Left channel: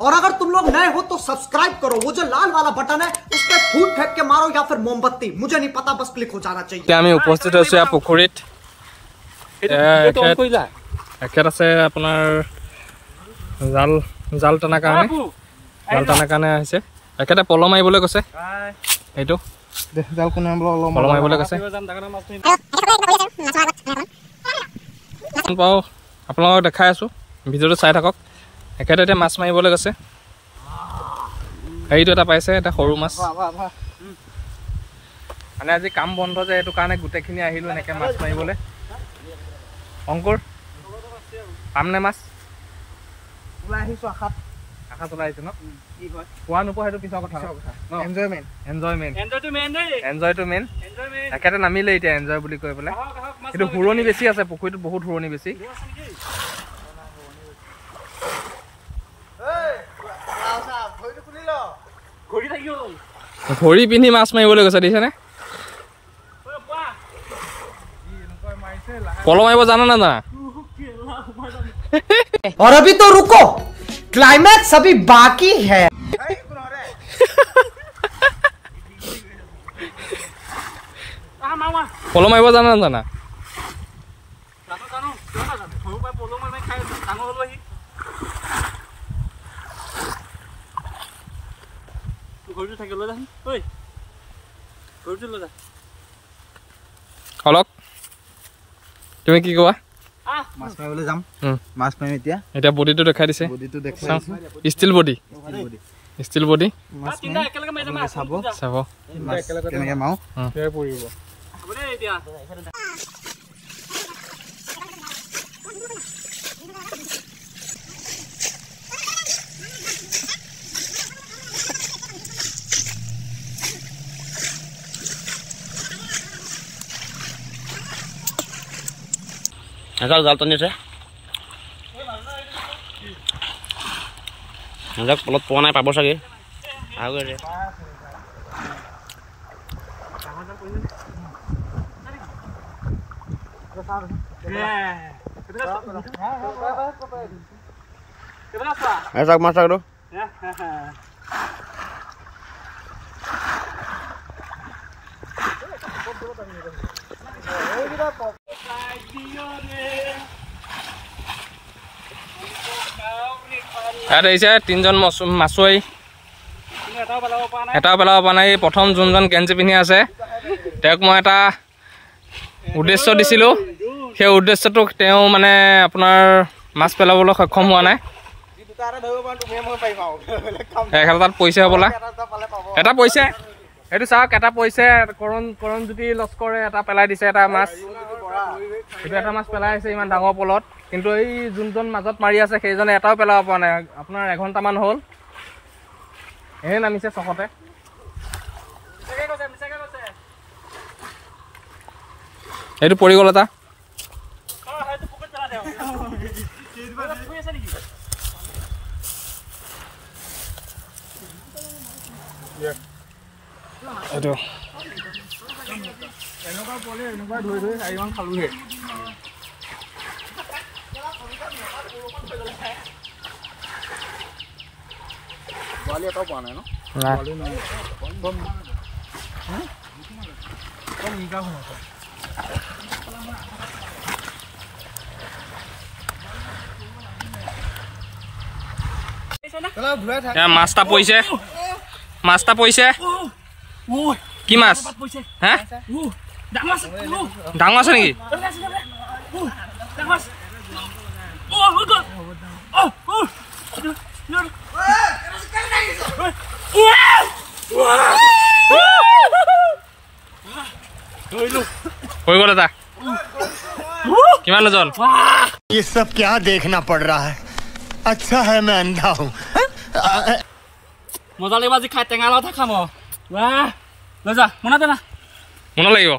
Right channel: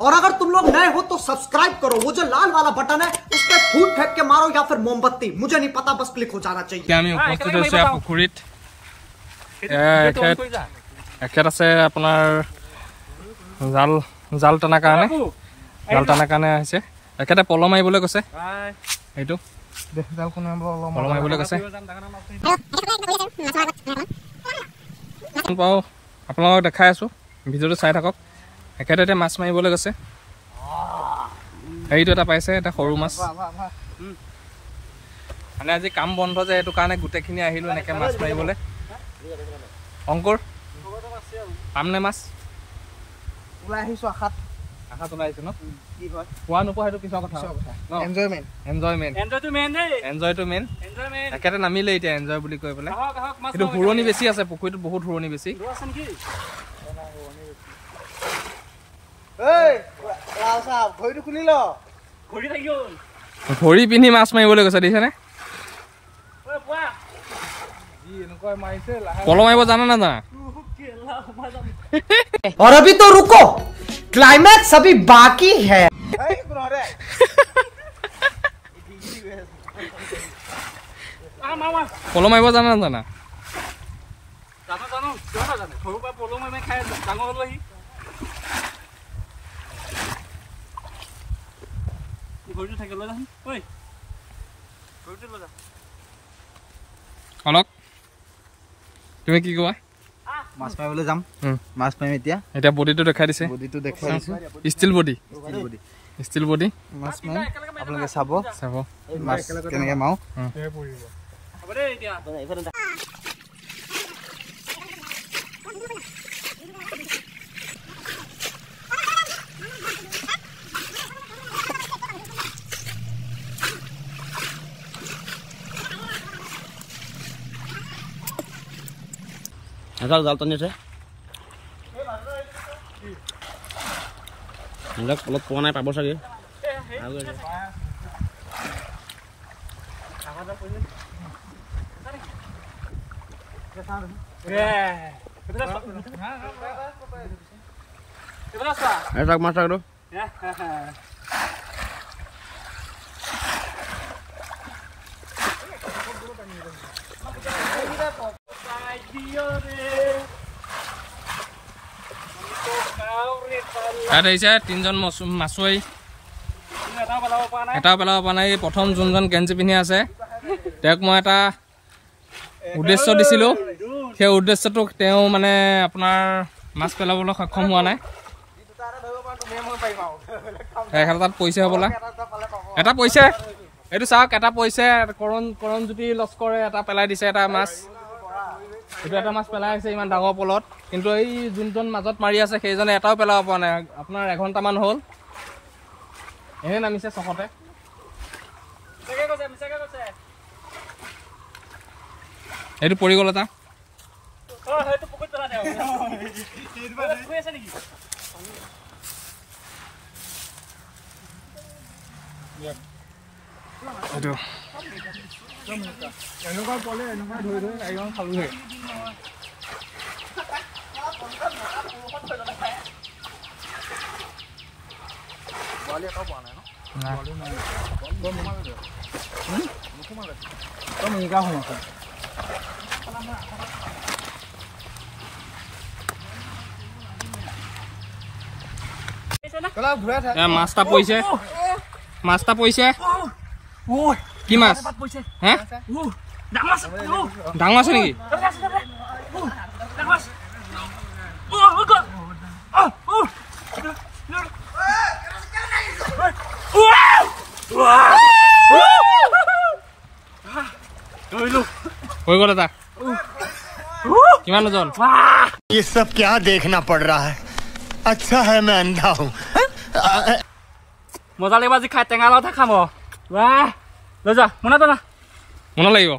और अगर तुम लोग नए हो तो सब्सक्राइब करो, वो जो लाल वाला बटन है उस पर फूट फेंक के मारो या फिर मोमबत्ती, मुझे नहीं पता, बस क्लिक हो जाना चाहिए। আমি উপস্থিত হৈছো এই পুখুৰীত একেট আছে আপোনাৰ জাল টানাৰ কাৰণে আহিছে একেটা পল মাৰিবলৈ কৈছে এইটো পল মাৰিবলৈ কৈছে পাও আপোনালোকক দেখাই আছো ভিডিঅ'টো চাই থাকক একেটা এতিয়া মাছ মাৰিবলৈ গৈছে এইটো এটা পাইছে এটা সৰু মাছ মানে আজি কাম বন্ধ যে এইটো কাৰণে গোটেইখিনি আহিলো এনেকৈ মাছ মাৰিবলৈ অংকুৰ পামনে মাছ ওলাই আহিছো আশাত ওলাই আহিছো ন কি হয় পোৱা নোপোৱা সেইটো পিছৰ কথা এনজয়টো মেইন একেটা নামিলে এতিয়া এনজয় বুলি কৈ পেলাই কিন্তু হুৰণি বেছি আছে পুখুৰীটোত বহুত হুৰণি বেছি ভৰি পিন্ধি মাছ মাৰিবলৈ গৈছে দেখিছেনে পল মাৰিব জানা নাজানা और अभी तो रुको, क्लाइमैक्स अभी बाकी है। পল মাৰিব জানা নাজানা অলক তুমি কি কোৱা মাছ মাৰিবলৈ যাম মাছ মাৰিম এতিয়া বডিটো দেখাই দিছে ষ্টিল বডি মাছ মাৰিম আপোনালোকে চাব মাছ কেনেকৈ মাৰো জাল টানি আছে পলত পোৱা নাই পাব চাগে মাছ থাকো তিনজন মাছুৱৈ এটাও পেলাব পৰা নাই প্ৰথম যোনজন গেঞ্জি পিন্ধি আছে তেওঁক মই এটা উদ্দেশ্য দিছিলোঁ সেই উদ্দেশ্যটো তেওঁ মানে আপোনাৰ মাছ পেলাবলৈ সক্ষম হোৱা নাই তাত পইচা হ'বলা এটা পইচা এইটো চাওক এটা পইচা কৰণজ্যোতি লস্কৰে এটা পেলাই দিছে এটা মাছ এইটো এটা মাছ পেলাই আছে ইমান ডাঙৰ পলত কিন্তু এই যোনজন মাজত মাৰি আছে সেইজনে এটাও পেলাব পৰা নাই আপোনাৰ এঘণ্টামান হ'ল এনে নামিছে চকতে এইটো পৰি গ'ল এটা এইটো এনেকুৱা পলে এনেকুৱা ধৰি আইমান খালোহে মাছটা পৰিছে কি মাছ হে ডাঙৰ আছে নেকি হৈ গ'ল এটা কিমান ওজন ये सब क्या देखना पड़ रहा है अच्छा है मैं अंधा हूँ মজা লাগিব আজি খাই টেঙা লগত খাম লৈ যা মোনা লাগিব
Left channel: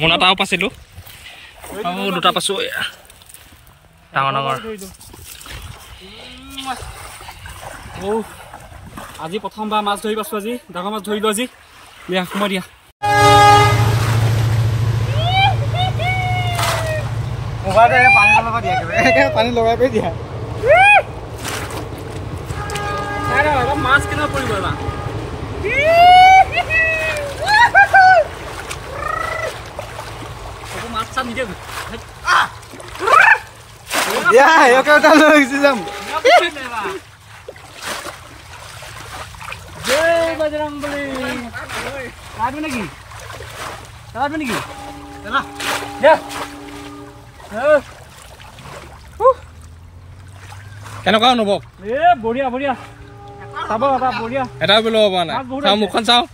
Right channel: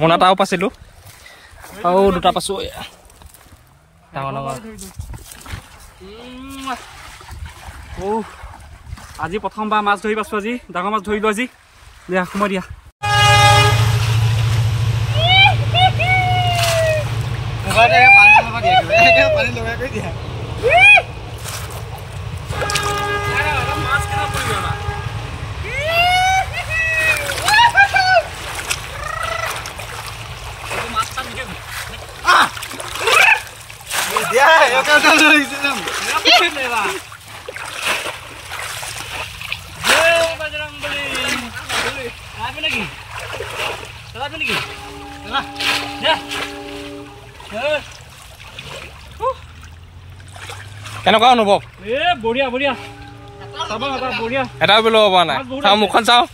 মোনাটা আৰু পাইছিলোঁ আৰু দুটা পাইছোঁ ডাঙৰ আজি প্ৰথমবাৰ মাছ ধৰি পাইছোঁ আজি ডাঙৰ মাছ ধৰিলোঁ আজি দিয়া সময় দিয়া পানী লগাই দিয়া কেনেকুৱা অনুভৱ বঢ়িয়া বঢ়িয়া চাব বাবা বঢ়িয়া এটা বোলো হ'ব নাই চাওঁ মুখখন চাওঁ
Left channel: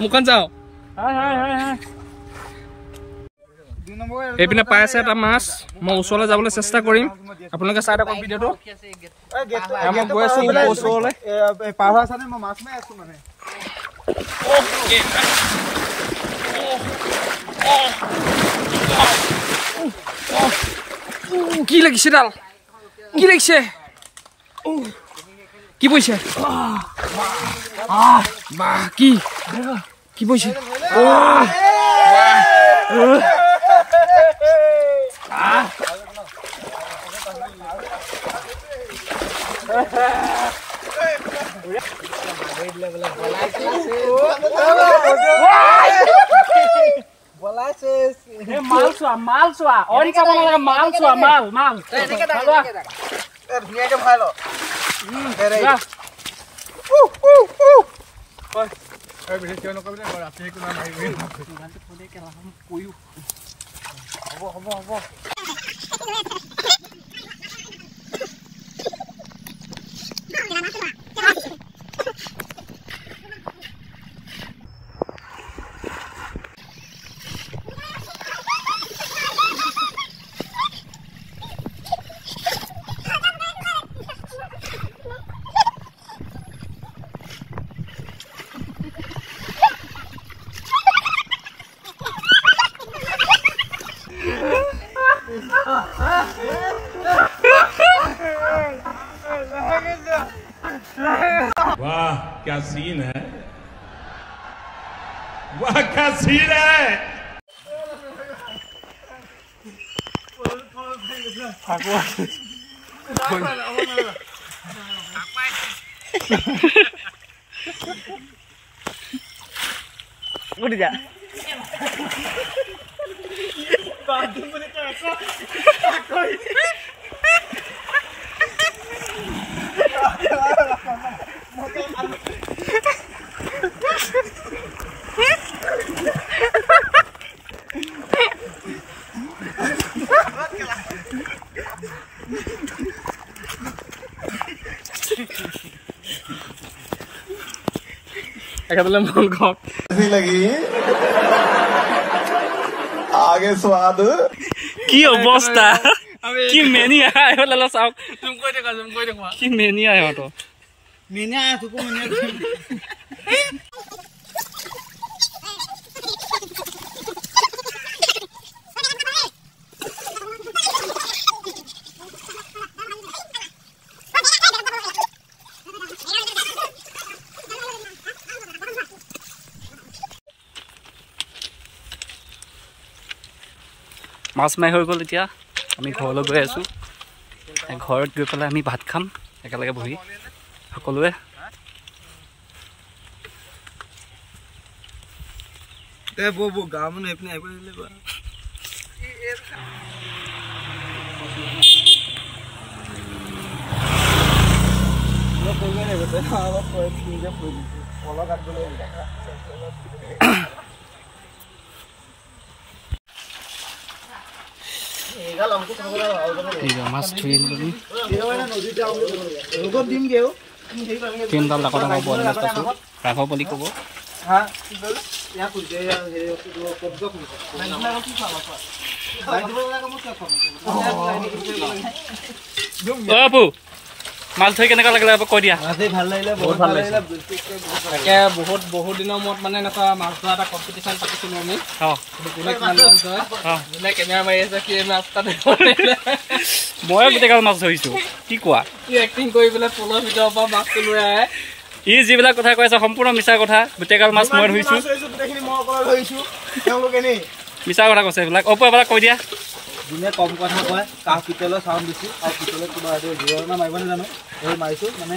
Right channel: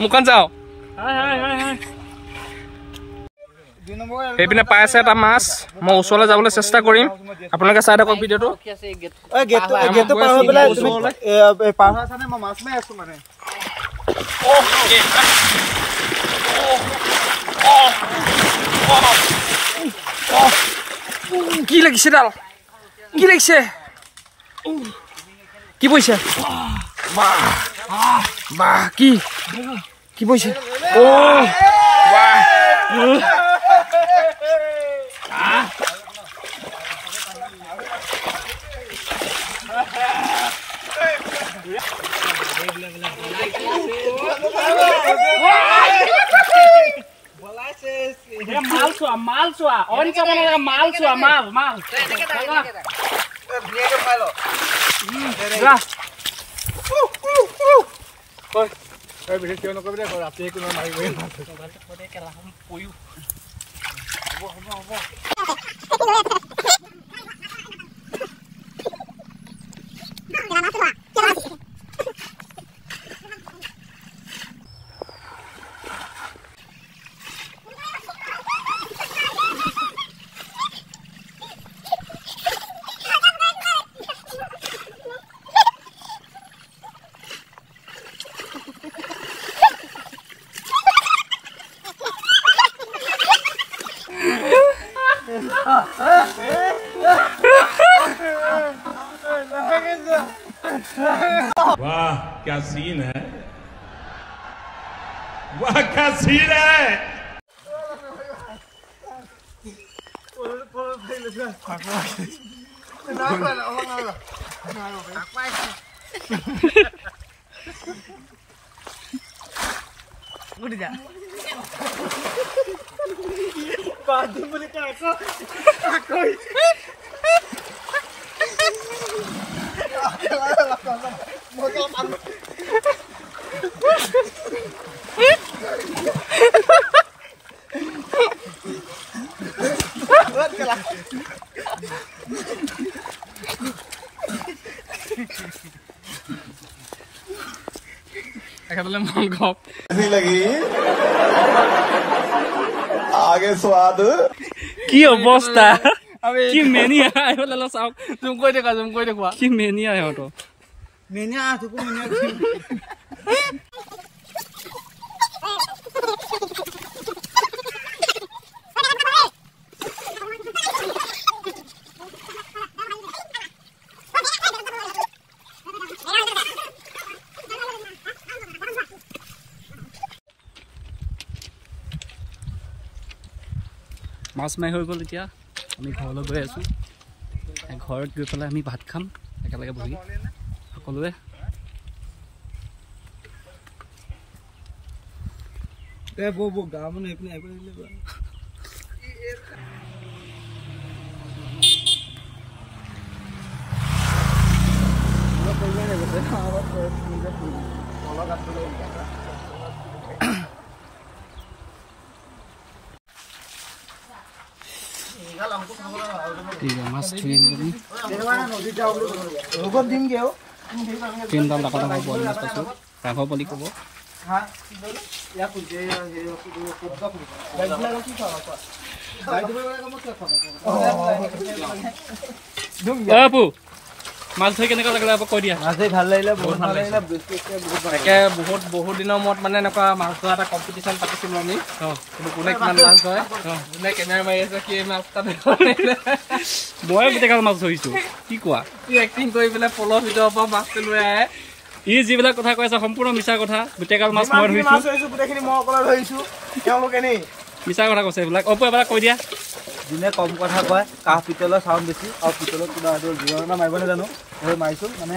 মুখখন চাওঁ এইপিনে পাই আছে এটা মাছ মই ওচৰলৈ যাবলৈ চেষ্টা কৰিম আপোনালোকে চাই থাকক ভিডিঅ'টো মই গৈ আছো ওচৰলৈ কি লাগিছে ডাল কি লাগিছে কি পইছে বাহ কি পইছে বাহ মাল চোৱা অইন চাব নালাগে মাল চোৱা মাল वाह क्या सीन है वाह क्या सीन है कैसी लगी आगे स्वाद কি অৱস্থা কি মেনিয়া আহিবলে চাওক তুমি কৈ দেখুৱা কি মেনিয়া ইহঁতৰ মাছ মাৰি হৈ গ'ল এতিয়া আমি ঘৰলৈ গৈ আছোঁ ঘৰত গৈ পেলাই আমি ভাত খাম একেলগে বহি সকলোৱে গাঁৱৰ মানুহ এইপিনে আহিব মাছ ধৰি তিনিডাল ডাঙৰ ডাঙৰ বইল মাছ পাইছোঁ ৰাঘৰ বুলি ক'ব আপু মাছ ধৰি কেনেকুৱা লাগিলে কৈ দিয়া ভাল লাগিলে বহুত ভাল লাগিলে তাকে বহুত দিনৰ মূৰত মানে এনেকুৱা মাছ ধৰা এটা কম্পিটিশ্যন পাতিছিলোঁ আমি কোনে কিমান মাছ ধৰে যোনে কেমেৰা মাৰি আছে সেই মাছ তাত মই গোটেইগাল মাছ ধৰিছোঁ কি কোৱা কি এক্টিং কৰি পেলাই পলৰ ভিতৰৰ পৰা মাছটো লৈ আহে ই যিবিলাক কথা কৈ আছে সম্পূৰ্ণ মিছা কথা গোটেইগাল মাছ মই ধৰিছোঁ মিছা কথা কৈছে এইবিলাক অপু এবাৰ কৈ দিয়া যোনে কম কথা কয় কাহ পিতলৰ চাউণ্ড বেছি আৰু পিতলত কিবা জোৰণা মাৰিব নাজানো সেই মাৰিছোঁ মানে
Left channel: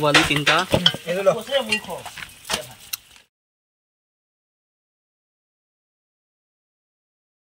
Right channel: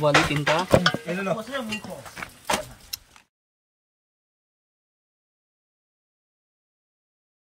পোৱালি 3টা